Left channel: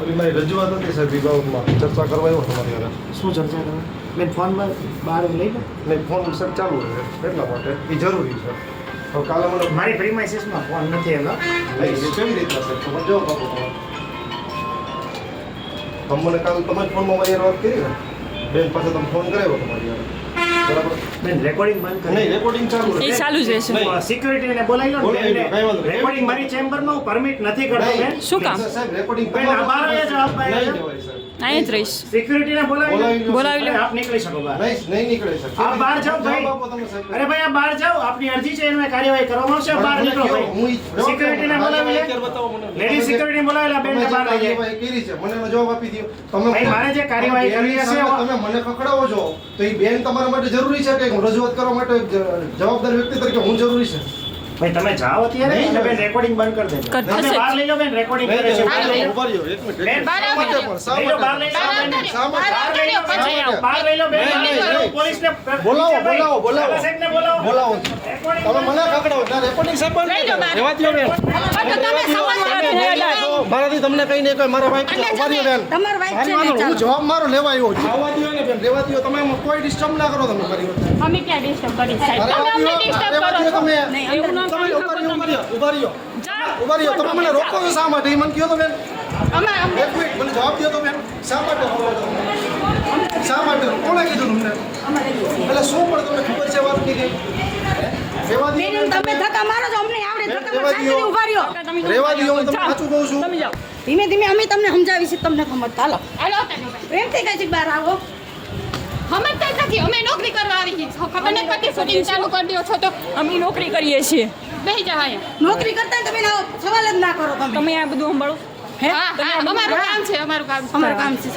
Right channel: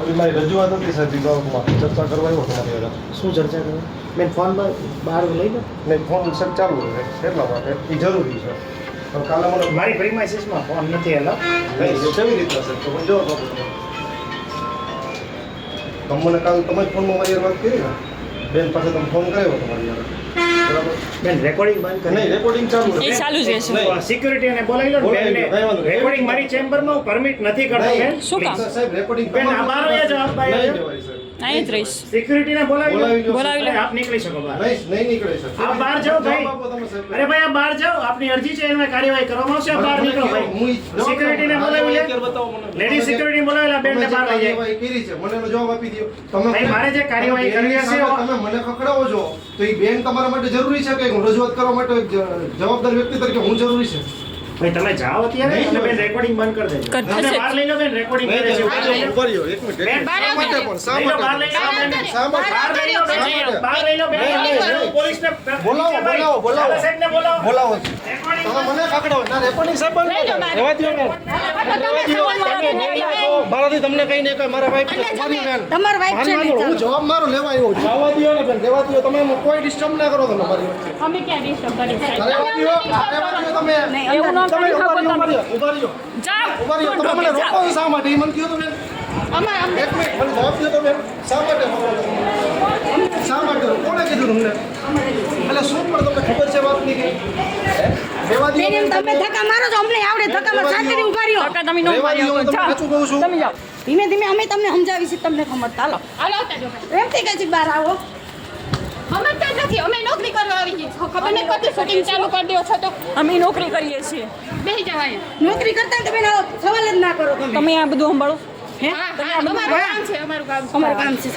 હવે મારી રજૂઆત હતી સર વિભાગમાં. ચર્ચા કરવા એવો તમારી શું ચર્ચા કરો મેં ફોનમાં બહાર લઈ લો. એટલે ફોન સર ચાલુ છે એટલા માટે. એ જરૂરી છે. તો કાલે મને મારી પ્રીમાઇસીસમાં ફોન નથી એના. કેવી રીતના સર તો પણ જો બાબુ તો. તમે મને કાલ તમારી ફોનમાં મારી વાત કરી ને. બેન પાસે તમે ફોન કર્યો તમારી હારે. બેન રેકોર્ડિંગ બંધ નહીં કરી રેકોર્ડિંગ ચાલુ એ ચાલુ જ રહેશે. સિક્યુરિટી ને બોલાવી લો ને બોલાવી લો, બેનને. કઈ વાંધો નહીં. રેકોર્ડિંગ મારી ચેમ્બરમાં હું પરમિટ નથી કરતો બેન શું કામ? રેકોર્ડિંગ બેન, આ બહાર વયા જાઓ, અહીં જ રહીશ. સિક્યુરિટીને બોલાવી લો. બોલાવી લો, આપ નીકળી શકો બહાર. નહીં નહીં નીકળે સર આપ બહાર જાઓ ભાઈ. અરે ભાઈ આપ બહાર જાઓ. આપની અરજી છે એનું કાર્યવાહી કરવામાં આવશે. બહાર નીકળો ભાઈ. સિક્યુરિટી ને બોલાવી લે. લેડી સિક્યુરિટી બોલાવી લે બેન ને બહાર લઈ જાય કરી છે મને એનો જવાબ આપી દો તમે ભાઈ, મારે જે કાર્યવાહી કરવી છે તમે મને ખખડાવો છો તો એ બેન તમારા માટે જરૂરી છે કે હું રજૂઆત કરવા માટે જવાબદાર વ્યક્તિ તરીકે હું જરૂરી છે? ભાઈ તમે જાઓ અત્યારે અને બેન રેકોર્ડિંગ બંધ કરી દેજો કર- તમે બહાર લઈ બેન રેકોર્ડિંગ કરે છે લો. રહ્યો, એક મિનિટ, બેન, બહાર માટે પણ? માટે? બહાર લઈ બેન. માટે? બહાર લઈ બેન. પોલીસ. પોલીસને બોલાવો, બોલાવો, બોલાવો. દાદા સાહેબને બોલાવો. બોલાવો તમે મને ખખડાવો ના રેકોર્ડિંગ સાહેબ બંધ કરો. રહેવા દ્યો બેન. મારાથી તમને કઈ નહીં કોઈ મારા વાઈફ તમારી બેન. તમારી વાઈફ ને, હું જવાબ મારો લેવા આવ્યો છું રહેવા દ્યો ને બેન રેવા દ્યો તમે કોઈ ડિસ્ટર્બ ના કરો તમે મારી અમે ક્યાં ડિસ્ટર્બ કરી સાહેબ તમે અમને ડિસ્ટર્બ દ્યો તમે એવું ન કરી ઊભા શકો રહ્યો, તમે ઊભા રહ્યો, ઊભા રહ્યો. તમે મને રોકો શા માટે? એ મને કહો તો બેન. અમે અમે. એક મિનિટ મને જવાબ દો તો બેન. શા માટે રોકો શા માટે કોણે કીધું તમને? એટલે શું પણ તમને ખબર છે વાતની કઈ રહેવા દ્યો બેન, બેન. તમે ધક્કા મારો છો અમને આવડે ધક્કા મારો શાંતિથી ઊભા રહ્યો. તમે નો રહેવા દ્યો, હું તમને જાઓ. કહું છું. તમે જાઓ. ધીમે ધીમે અમે તમને સમજાવી છીએ તમને ખબર. ચાલો હાલો પ્રેમથી કઈ બહાર આવો? સમજતા નથી. અમે નોકરી કરવા આવી નથી પડતી શૂટિંગ ચાલુ કરી દો છો તો. અમે નોકરી કરીએ છીએ. બેસી જવાય નોકરી કરતા તમે સવાલ જ ના કરો તમે. તમે આ બધું સંભાળો. હા? અમારું કામ છે અમારું કામ અમારું કામ છે.